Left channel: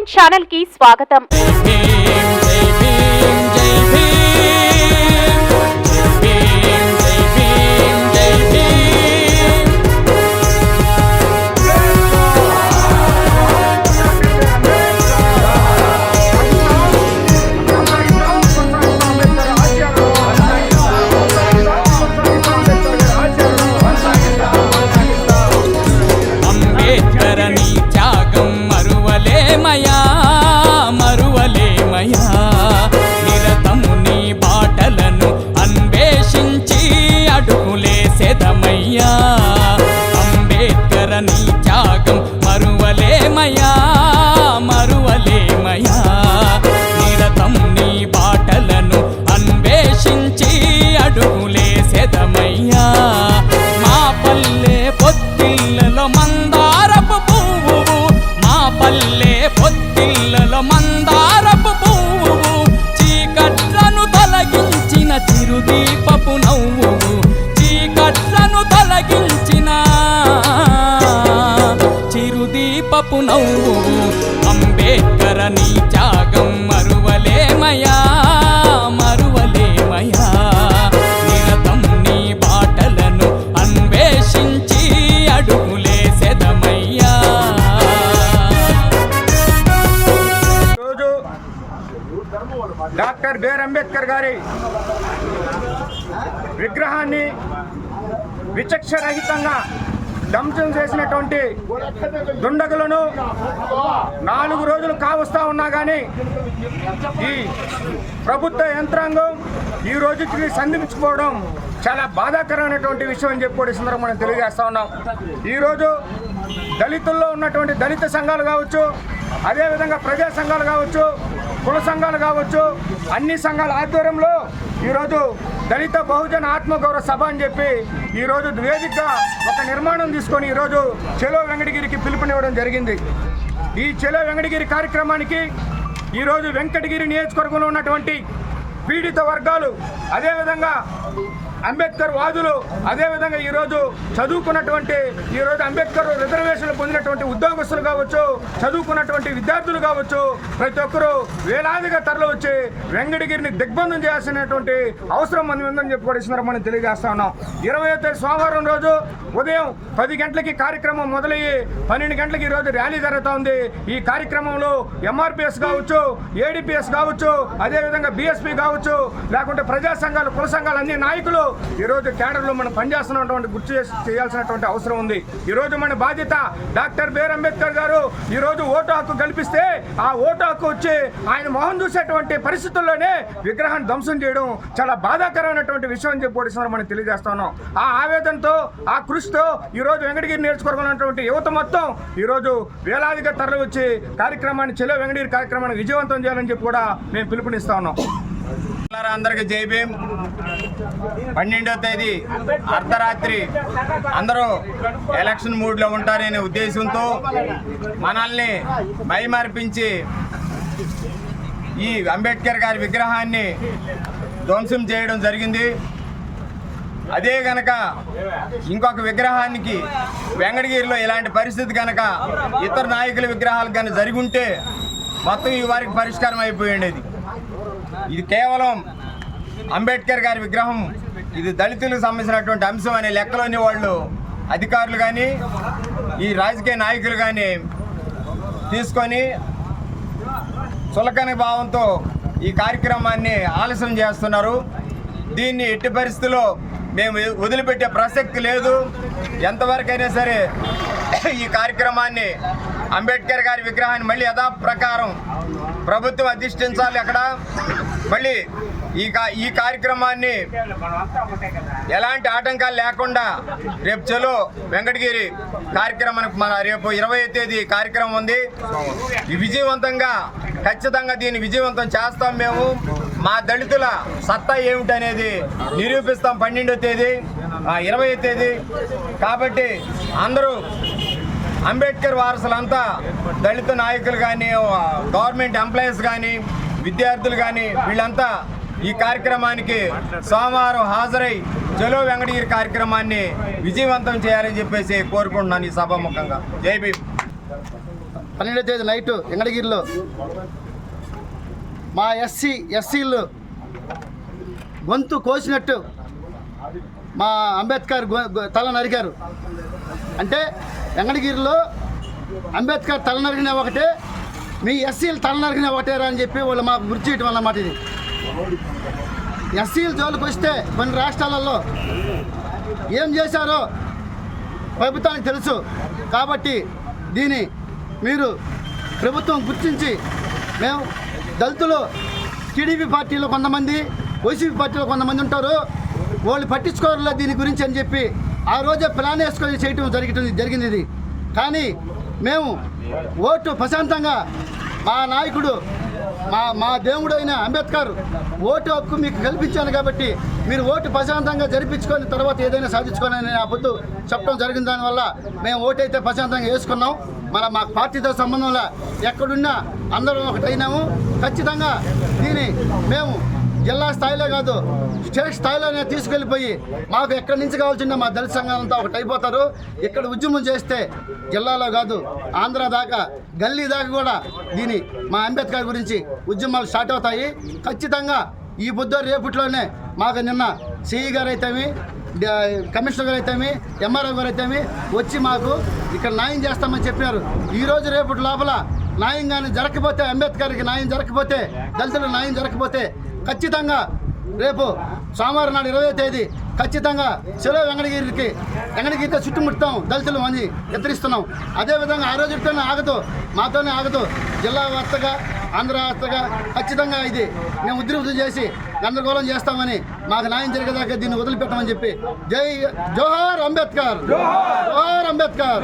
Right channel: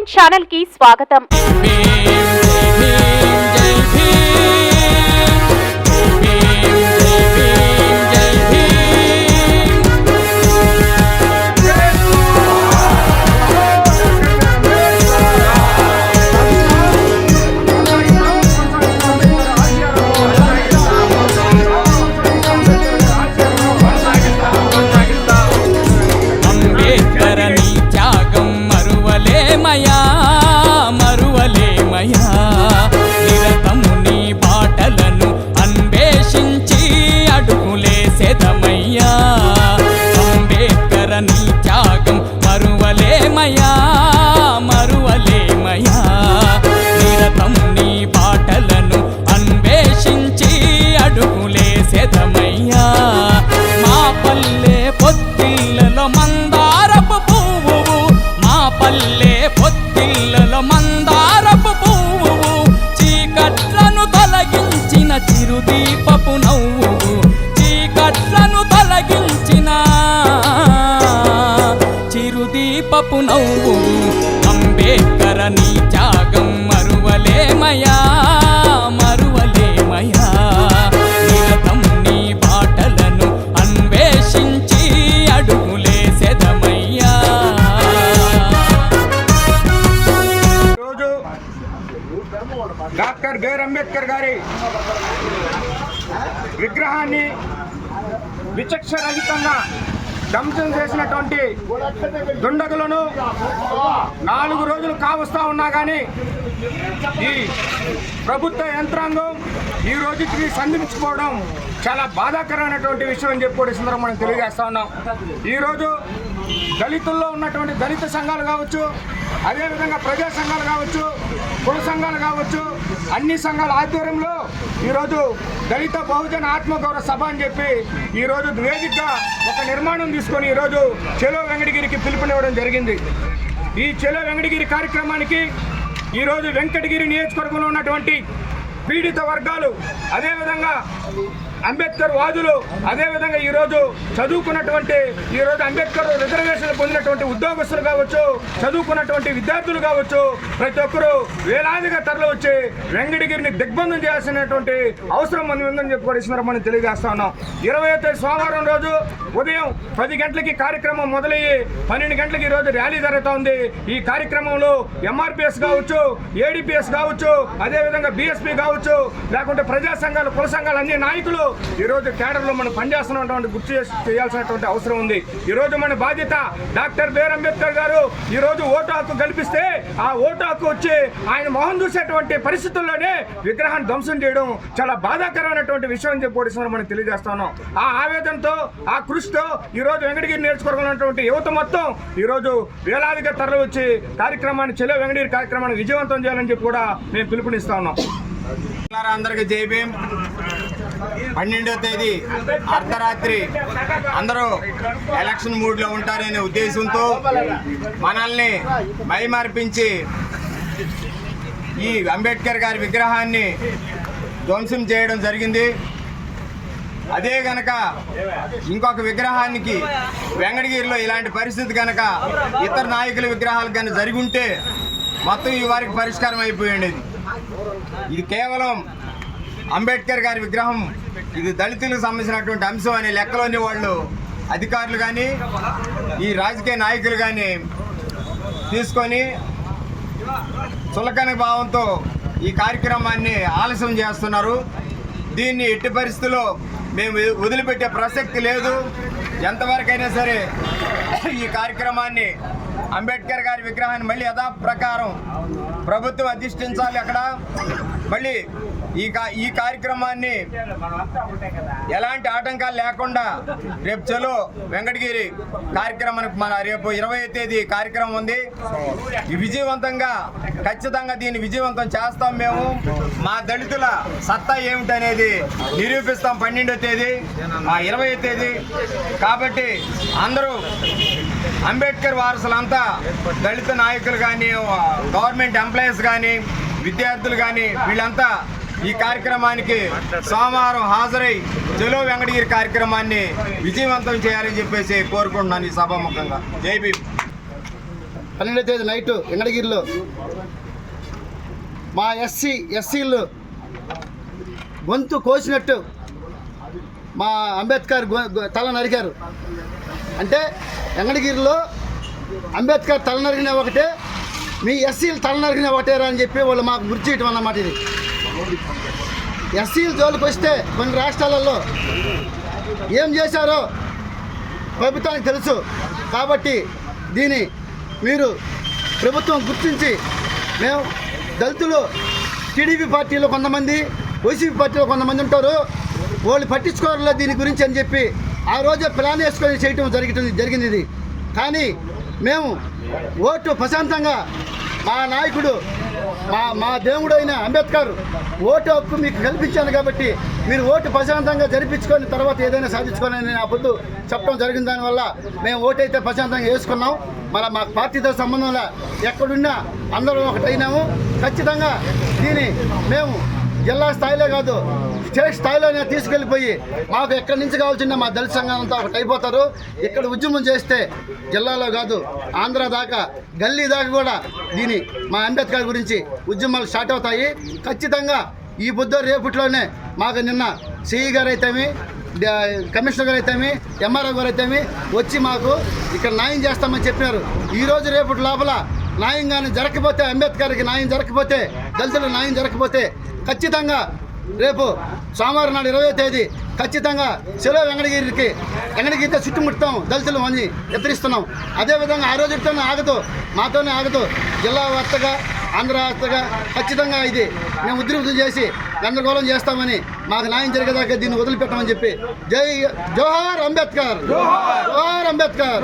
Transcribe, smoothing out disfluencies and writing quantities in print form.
Entertainment channel కి స్వాగతం. మరువలేమయా నిరతము నీ బాటలను అన్వేషించి అడుగులేసెదమయ్యా. అంబేద్కర్ నీ త్యాగం మరువలేమయా మరువలేమయా నిరతము నీ బాటలను అన్వేషించి అడుగులేసెదమయ్యా. మా పల్లె పొత్తిళ్ళలో మందారపు పువ్వు, మా పల్లె పొత్తిళ్ళలో మందారపు పువ్వు, చీకట్లను తొలగించిన చిరుదీపపు నవ్వు, చీకట్లను తొలగించిన చిరుదీపపు నవ్వు. అంబేద్కర్ నీ త్యాగం మరువలేమయా మరువలేమయా నిరతం నీ బాటలను అన్వేషించి అడుగులేసెదమయ్యా. డాక్టర్ బిఆర్ అంబేద్కర్ గారి విగ్రహాన్ని విచక్షరహితంగా ధ్వంసం చేసినటువంటి దుండగులను 4 రోజులు కావస్తా ఉన్నా కానీ ఈ ప్రభుత్వ యంత్రాంగం ఈ రోజుకి సంధించుకోవడం చాలా బాధాకరమైనటువంటి విషయం అని చెప్పి సందర్భంగా మనం తెలియజేస్తా ఉన్నాం. ఈరోజు దళితుల్లో ఉన్నటువంటి దళిత సంఘాలు కావచ్చు, అదేవిధంగా ప్రజా సంఘాలు కావచ్చు, కుల సంఘాలు కావచ్చు, అన్ని సంఘాల ఆధ్వర్యంలో ఈరోజు దళిత బహుజన ఆత్మగౌరవ సభ అని చెప్పి ఈరోజు వేదికగా ఒక నిర్మాణం తీసుకొని ఈరోజు చెలో వెంకటగిరికి పిలుపునివ్వడం జరిగింది. ఈ చెలో వెంకటగిరి కార్యక్రమానికి ఈరోజు వెంకటగిరి నియోజకవర్గంలో ఉన్నటువంటి పీడిత వర్గాలు, అదేవిధంగా అంబేద్కర్ వాదులు, అదేవిధంగా ఈరోజు చదువుకున్నటువంటి ఈరోజు అంబేద్కర్ రిజర్వేషన్లు పొందినటువంటి ఉద్యోగస్తులు కావచ్చు, చదువుకున్నటువంటి విద్యార్థులు కావచ్చు, ప్రతి ఒక్కరూ వేలాదిగా తరలి వచ్చి వెంకటగిరిని దిగ్బంధం చేయాల్సినటువంటి అవసరం ఉందని చెప్పుకోవడం మనం తెలియజేస్తా ఉన్నాం. 20వ తేదీ సోమవారం రోజు ఉదయం 10 గంటలకి కార్యక్రమం మొదలయ్యి 12 గంటలకి ఈరోజు ర్యాలీ జరుగుతూ ఉంది. ఈ కార్యక్రమంలో ఎంఆర్పిఎస్ కావచ్చు, ఏడిపిఎస్ కావచ్చు, అదేవిధంగా బిఎస్పీ కావచ్చు, లేకుంటే ప్రజా సంఘాలు, కుల సంఘాలు, అన్ని నాయకులు ఈరోజు కేడర్లో మనం పనిచేస్తున్నటువంటి గుర్తు చేయాల్సినటువంటి అవసరం ఉంది. ఈరోజు మన బాధ్యత. డాక్టర్ బిఆర్ అంబేద్కర్ గారు ఈరోజు ఓటు హక్కు కల్పిస్తే ఆ ఓటు హక్కు వచ్చి ఆయన మొహం చూసేటువంటి పరిస్థితుల్లోనే విగ్రహాన్ని ధ్వంసం చేయడం చాలా బాధాకరమైనటువంటి విషయం అని చెప్పి మనం తెలియజేస్తున్నాం. ఆ ఆవేదనతో, ఆ కృషితో ఈరోజు వెంకటగిరి నేర్చుకోవాలన్నటువంటి యువత మొత్తం ఈరోజు వేలాదిగా తరలి వచ్చి కార్యక్రమాన్ని, చెలో వెంకటగిరి కార్యక్రమాన్ని విజయవంతం చేయాలని చెప్పి కూడా మేము పిలుపునిస్తా ఉన్నాం. అందరికి జై భీమ్. 12వ తేదీ అర్ధరాత్రి అందరూ ఎలక్షన్ మూడ్లో ఉంటారనే ఉద్దేశంతో మనల్ని మైమర్పించి ఈ అంబేద్కర్ గారి విగ్రహాన్ని ధ్వంసం చేయడం జరిగింది. అదే గనక ఇంకొక విగ్రహానికి వెంకటగిరిలో ఇలాంటి పరిస్థితి కనుక ఇతర నాయకుల విగ్రహాలు కనుక జరిగి ఉంటే మొత్తం ఈ వారికి పరిష్కారం అయిపోయి ఉండేది. ఇది కేవలం అంబేద్కర్ గారి విగ్రహం, ఇది దళితులకు సంబంధించినటువంటి అంశం అనే లెక్కలోని వాళ్ళు అధికారులు కానీ ఈ రాజకీయ నాయకులు కానీ తీసుకొని చులకన భావంతో ఈ కార్యక్రమాన్ని ఆలస్యం చేస్తున్నారు. దీన్ని ఎట్టి పరిస్థితుల్లో మేము వదిలిపెట్టే ప్రసక్తి లేదు. ఎంతవరకైనా సరే ఈ కార్యక్రమాన్ని, అంబేద్కర్ గారి విగ్రహాన్ని మళ్ళీ యథాప్రకారం ప్రభుత్వం అధిష్ఠించాలి. అక్కడ మళ్ళీ ఈ కార్యక్రమాన్ని ఎలాంటి ఆటంకాలు లేకుండా రేపు చలో వెంకటగిరి కార్యక్రమానికి మన రేపు 20వ తేదీ కార్యక్రమం ఉంది. ఈ విజయవంతంగా ఖచ్చితంగా దీన్ని విజయవంతం చేస్తాం. మేము మా దళితుల సత్తా ఏమిటనేది నిరూపిస్తాం 12వ తేదీ 20వ తేదీ. కాబట్టి అందరూ అంబేద్కర్ వారసులంతా దళిత నాయకులు కానీ, గవర్నమెంట్ ఎంప్లాయీస్ కానీ, విద్యార్థులు కానీ వీళ్ళంతా ఈ కార్యక్రమానికి సోమవారం హాజరై చలో వెంకటగిరి కార్యక్రమాన్ని విజయవంతం చేయాలని చెప్పేసి కోరుకుంటున్నాను ఈ సభాముఖంగా. జై భీమ్. 12వ తేదీ నైటు వెంకటగిరిలో మా ఎస్సీలు గొంతు కోసినట్టు మా అంబేద్కర్ తల నరికారు. అంటే వెంకటగిరిలో అంబేద్కర్ తల నరికిన ఒకటే, మీ ఎస్సీలు తల నరికిన ఒకటేరా అని చెప్పి వాళ్ళు మాకు గుర్తు చేయటం అన్నమాట. ఇది ఎస్సీల జోలికి వస్తే కొన్ని రాష్ట్రాలలో ఏం చేశారో ప్రభుత్వానికి తెలుసు. కాబట్టి దీన్ని మీరు ప్రభుత్వం గుర్తించి, మేము దళితులు టీడీపీ పార్టీలో కొంతమంది, వైసీపీ పార్టీలో కొంతమంది ఉంటారు, వాళ్ళు పట్టించుకోవాలా దీని గురించి అని చెప్పి ఆ రోజే ప్లాన్ వేసుకొని చేయటం జరిగింది ఇది. కానీ మేము ఓటు ప్రశాంతంగా మా నాయకుడు మా దేవుడైన అంబేద్కర్ ఓటు హక్కు మీకు కల్పించాను కాబట్టి మీరు ఓటు ప్రశాంతంగా జరిపించుకొని తర్వాత ఏదైనా సాధించుకోనని ఆ పొద్దు చెప్పడం జరిగిన దానివల్ల మేము ఓటు అయితే ప్రశాంతంగా వేసుకున్నాం. మా పార్టీతో సంబంధంలో ఎక్కడున్నా అందరం ఒకటైనాము. ఖచ్చితంగా దీన్ని మేము జిల్లా స్థాయిలో కాదు, స్టేట్ స్థాయిలోనే తీసుకెళ్ళిపోయి మాకు ఎక్కడి నుంచి కావాల్సిన మా దళిత సంఘాలంతా ఒకటి అయిపోతారు. ఇక్కడ ఉద్యమం చేస్తే జిల్లాలో కాదు, ఆంధ్ర దాకా, గల్లీ దాకా కూడా దీని మా అంబేద్కర్ గురించి ఉద్యమాలు స్టార్ట్ అవుతాయి. ఖచ్చితంగా ఈ బుద్ధ రేపట్లోనే మాకు నిన్న సిఈ గారు అయితేమి, కమిషనర్ గారు అయితేమి, ఎంఆర్ఓ గారు అయితేమి వచ్చి మాకు ఇక్కడ న్యాయం చేస్తామని చెప్పినారు. ఈరోజు రేపటి లోపల న్యాయం కానీ జరగకపోతే, అంబేద్కర్కి న్యాయం జరగకపోతే, దళితులకు న్యాయం జరగకపోతే ఖచ్చితంగా రేపు సోమవారం నాడు 20వ తేదీ ఖచ్చితంగా సెలవు వెంకటగిరితో చుట్టుముడతాం, దళితులు అని హెచ్చరిస్తున్నాం. అదేవిధంగా ఆ రోజుతోనే ఆగదు, మాతోనే ఆగదు, జిల్లా వార్తగా, ఆంధ్ర వార్తగా ఖచ్చితంగా ఇది మేము ఉద్రిక్తం చేసి గందరగోళం చేస్తామని, మాకు న్యాయం జరిగేదాకా దీన్ని వదిలిపెట్టమని చెప్పి జోహార్ అంబేద్కర్, జోహార్ అంబేద్కర్.